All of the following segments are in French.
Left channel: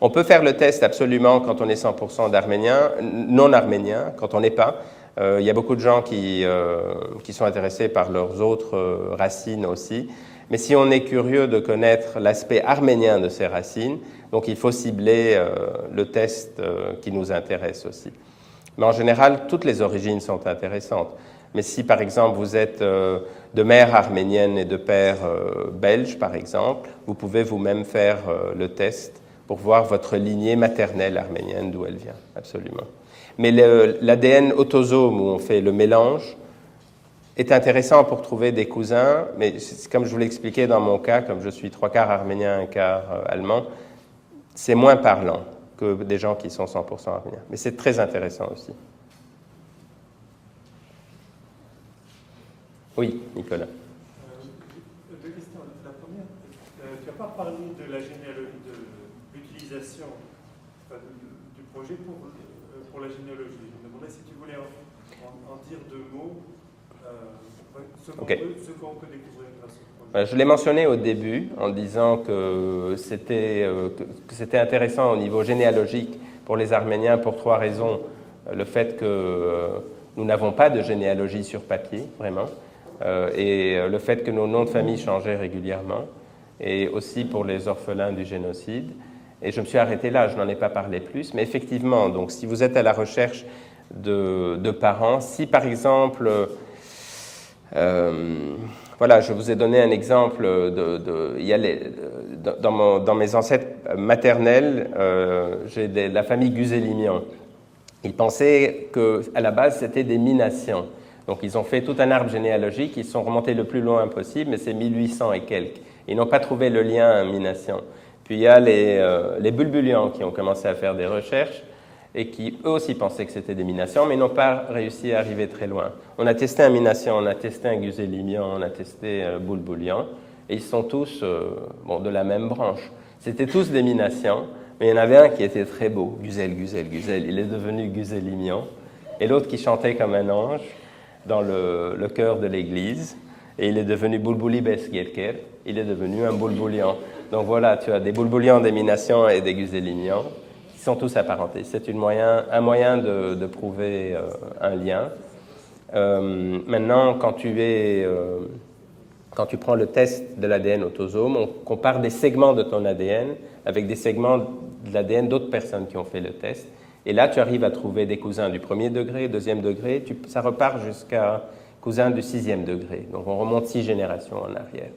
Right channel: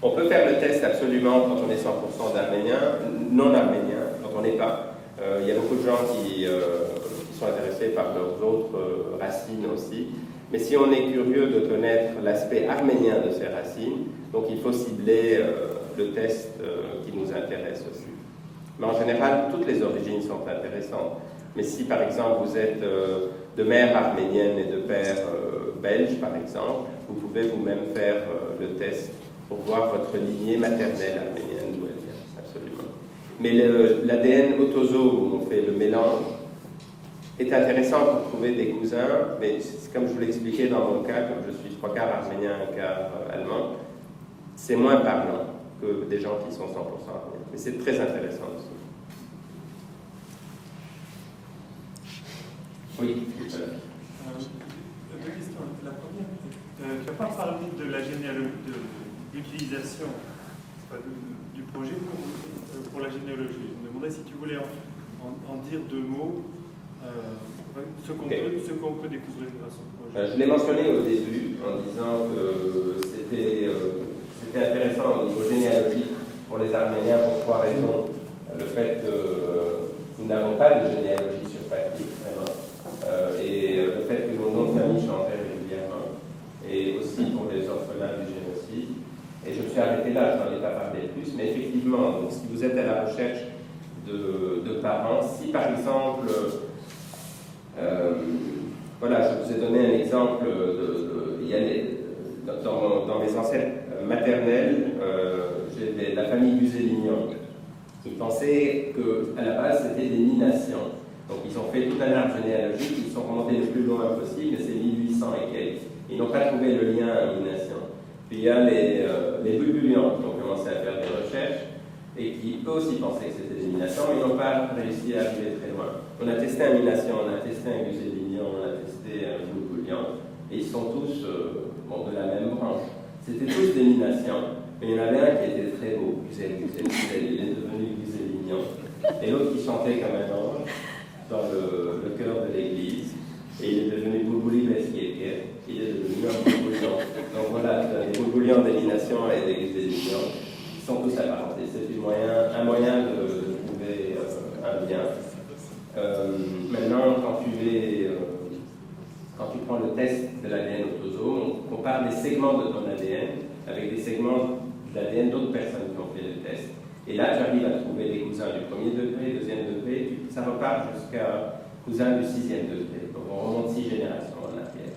On peut faire le test absolument quand on est 100% d'Arméniens, non arméniens, quand on n'est pas. Il y a beaucoup de gens qui sont intéressés par leurs autres racines aussi. Mais si on est curieux de connaître l'aspect arménien de ces racines, donc il faut cibler le test qui nous intéresse aussi. Mais en général, toutes les origines sont intéressantes. Mais si par exemple vous êtes de mère arménienne et de père belge, par exemple, vous pouvez vous-même faire le test pour voir votre lignée maternelle arménienne, d'où elle vient, absolument. Mais l'ADN autosome, où on fait le mélange, est intéressant pour trouver des cousins, mais comme je vous l'expliquais dans mon cas, comme je suis 3 quarts arménien, 1 quart allemand, c'est moins parlant que des gens qui sont 100% arméniens. Mais c'est très intéressant aussi. Oui, Nicolas. Deux questions. La première, tu n'as pas parlé de la généalogie, de l'utilisation du projet pour la généalogie. Je me demandais si tu voulais en dire 2 mots, ce qu'on peut découvrir grâce au projet. Je l'ai mentionné au début en disant que c'était intéressant au niveau généalogique pour les Arméniens pour 3 raisons. Le fait que nous n'avons pas de généalogie sur papier, vraiment, et le fait que nos noms de famille changeaient régulièrement, et aussi pour les orphelins du génocide. Et je me suis arrêté là, je n'en ai pas parlé plus, mais effectivement, donc, si vous êtes à la recherche de parents, si par exemple, voilà, je vous ai donné un exemple, il y a dans mes ancêtres maternels, j'ai la famille Guzelimian. Ils pensaient qu'à la base, c'était des Minassiens. Donc ils ont fait tout un arbre généalogique, ils sont remontés le plus loin possible, mais c'est 1800 et quelques. Ils n'ont pas trouvé le lien Minassien. Puis il y a les Bulbulians qui ont commencé à faire des recherches et qui eux aussi pensaient que c'était des Minassiens, mais n'ont pas réussi à arriver très loin. On a testé un Minassien, on a testé un Guzelimian, on a testé un Bulbulian, et ils sont tous de la même branche. C'était tous des Minassiens, mais il y en avait un qui était très beau, Guzel, il est devenu Guzelimian, et l'autre qui chantait comme un ange dans le chœur de l'église, et il est devenu Bulbuli Besgirker, il est devenu un Bulbulian. Donc voilà, tu as des Bulbulians, des Minassiens et des Guzelimians, qui sont tous apparentés. C'est un moyen de prouver un lien. Maintenant, quand tu prends le test de l'ADN autosome, on compare des segments de ton ADN avec des segments de l'ADN d'autres personnes qui ont fait le test. Et là, tu arrives à trouver des cousins du 1er degré, 2e degré, ça repart jusqu'à cousins du 6e degré. Donc on remonte 6 générations en arrière.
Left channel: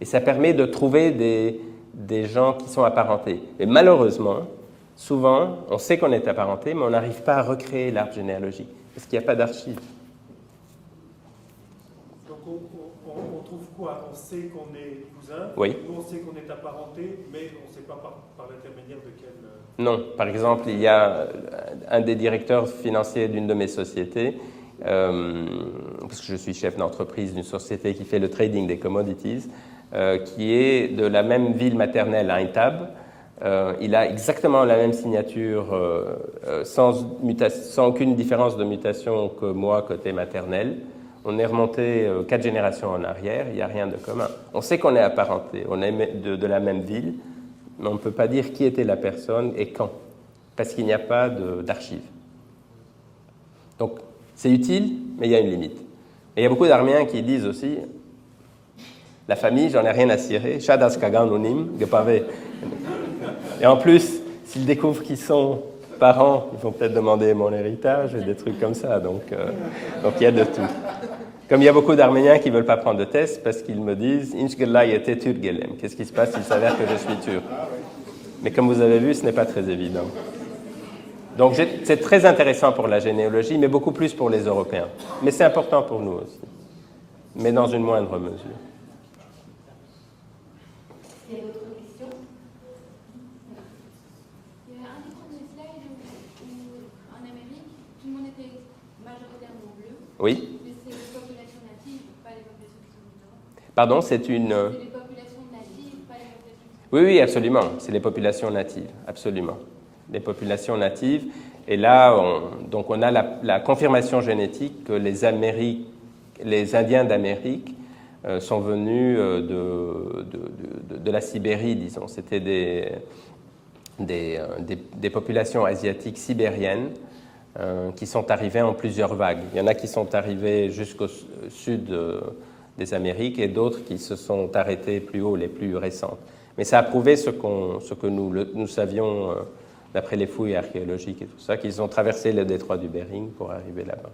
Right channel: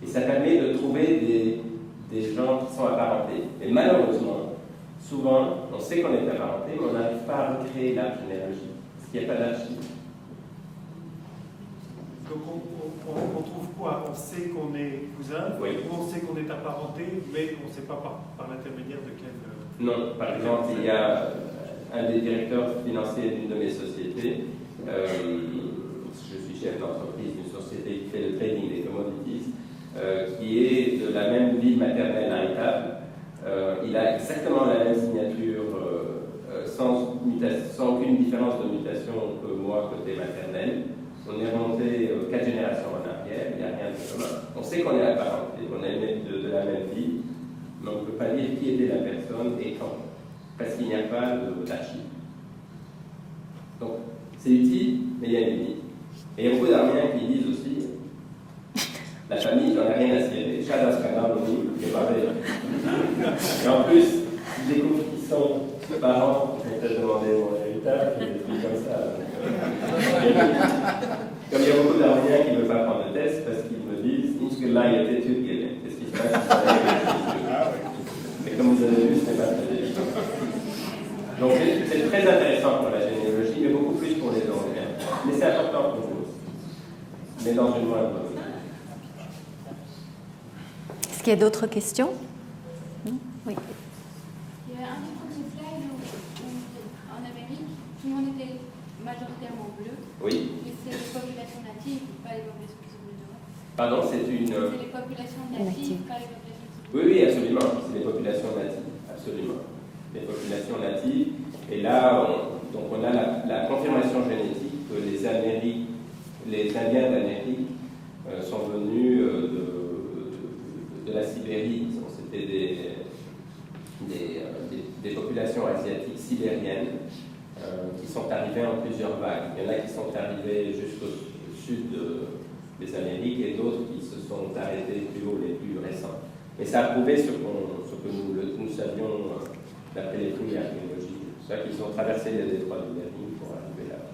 Et ça permet de trouver des gens qui sont apparentés. Mais malheureusement, souvent, on sait qu'on est apparenté, mais on n'arrive pas à recréer l'arbre généalogique, parce qu'il n'y a pas d'archives. Donc on trouve quoi? On sait qu'on est cousin, oui. On sait qu'on est apparenté, mais on ne sait pas par l'intermédiaire de quel... Non, par exemple, il y a un des directeurs financiers d'une de mes sociétés, parce que je suis chef d'entreprise d'une société qui fait le trading des commodities, qui est de la même ville maternelle, Aintab. Il a exactement la même signature, sans aucune différence de mutation que moi, côté maternel. On est remonté 4 générations en arrière, il n'y a rien de commun. On sait qu'on est apparenté, on est de la même ville, mais on ne peut pas dire qui était la personne et quand, parce qu'il n'y a pas d'archives. Donc, c'est utile, mais il y a une limite. Et il y a beaucoup d'Arméniens qui disent aussi, la famille, j'en ai rien à cirer, et en plus, s'ils découvrent qu'ils sont parents, ils vont peut-être demander mon héritage et des trucs comme ça, donc il y a de tout. Comme il y a beaucoup d'Arméniens qui ne veulent pas prendre de test parce qu'ils me disent qu'est-ce qui se passe s'il s'avère que je suis turc? Mais comme vous avez vu, ce n'est pas très évident. Donc c'est très intéressant pour la généalogie, mais beaucoup plus pour les Européens. Mais c'est important pour nous aussi, mais dans une moindre mesure. Est-ce qu'il y a d'autres questions? Oui. Il y a un autre slide où, en Amérique, tout le monde était majoritairement bleu. Oui. Mais c'est les populations natives, pas les populations qui sont venues d'Europe. Pardon, c'est une... C'est les populations natives, pas les populations qui sont Oui, oui, absolument. C'est les populations natives, absolument. Les populations natives. Et là, on a la confirmation génétique que les Indiens d'Amérique sont venus de la Sibérie, disons. C'était des populations asiatiques sibériennes qui sont arrivées en plusieurs vagues. Il y en a qui sont arrivées jusqu'au sud des Amériques et d'autres qui se sont arrêtés plus haut, les plus récents. Mais ça a prouvé ce que nous savions d'après les fouilles archéologiques et tout ça, qu'ils ont traversé le détroit du Bering pour arriver là-bas.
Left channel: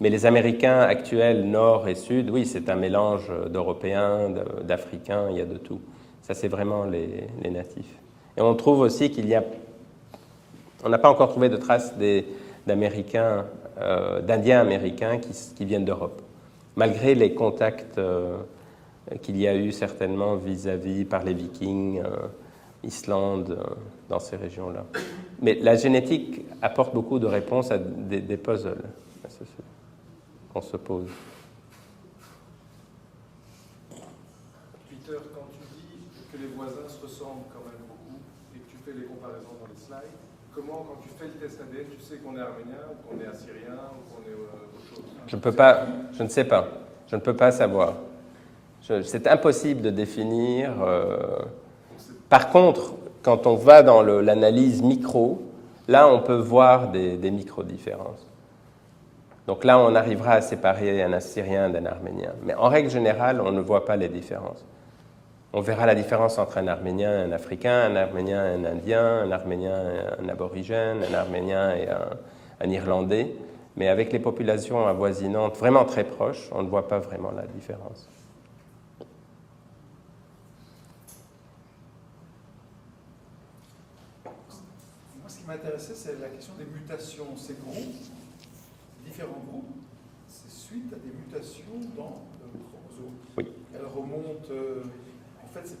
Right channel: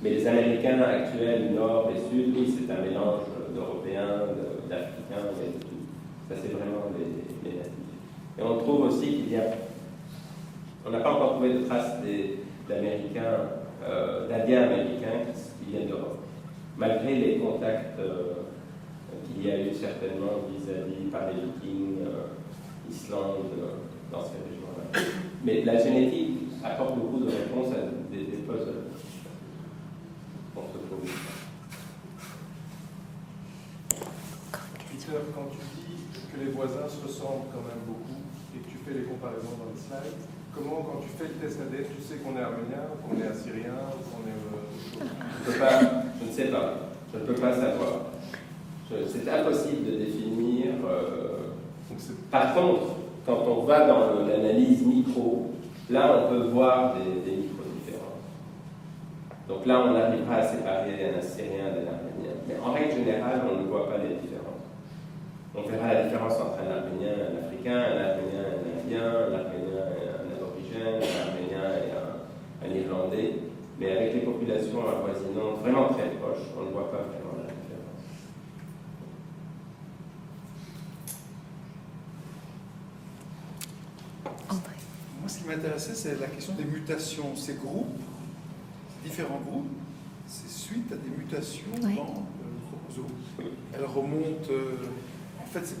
Mais les Américains actuels, nord et sud, oui, c'est un mélange d'Européens, d'Africains, il y a de tout. Ça, c'est vraiment les natifs. Et on trouve aussi qu'il y a... On n'a pas encore trouvé de traces d'Américains, d'Indiens américains qui viennent d'Europe, malgré les contacts qu'il y a eu certainement vis-à-vis par les Vikings, Islande, dans ces régions-là. Mais la génétique apporte beaucoup de réponses à des puzzles qu'on se pose. Peter, quand tu dis que les voisins se ressemblent quand même beaucoup et que tu fais les comparaisons dans le slide, comment, quand tu fais le test ADN, tu sais qu'on est arménien, qu'on est assyrien, qu'on est... Je ne sais pas. Je ne peux pas savoir. C'est impossible de définir. Par contre, quand on va dans l'analyse micro, là, on peut voir des micro-différences. Donc là, on arrivera à séparer un Assyrien d'un Arménien. Mais en règle générale, on ne voit pas les différences. On verra la différence entre un Arménien et un Africain, un Arménien et un Indien, un Arménien et un Aborigène, un Arménien et un Irlandais. Mais avec les populations avoisinantes vraiment très proches, on ne voit pas vraiment la différence. Moi, ce qui m'intéressait, c'est la question des mutations. Ces groupes, ces différents groupes, c'est suite à des mutations dans le chromosome. Oui. Elles remontent... en fait, c'est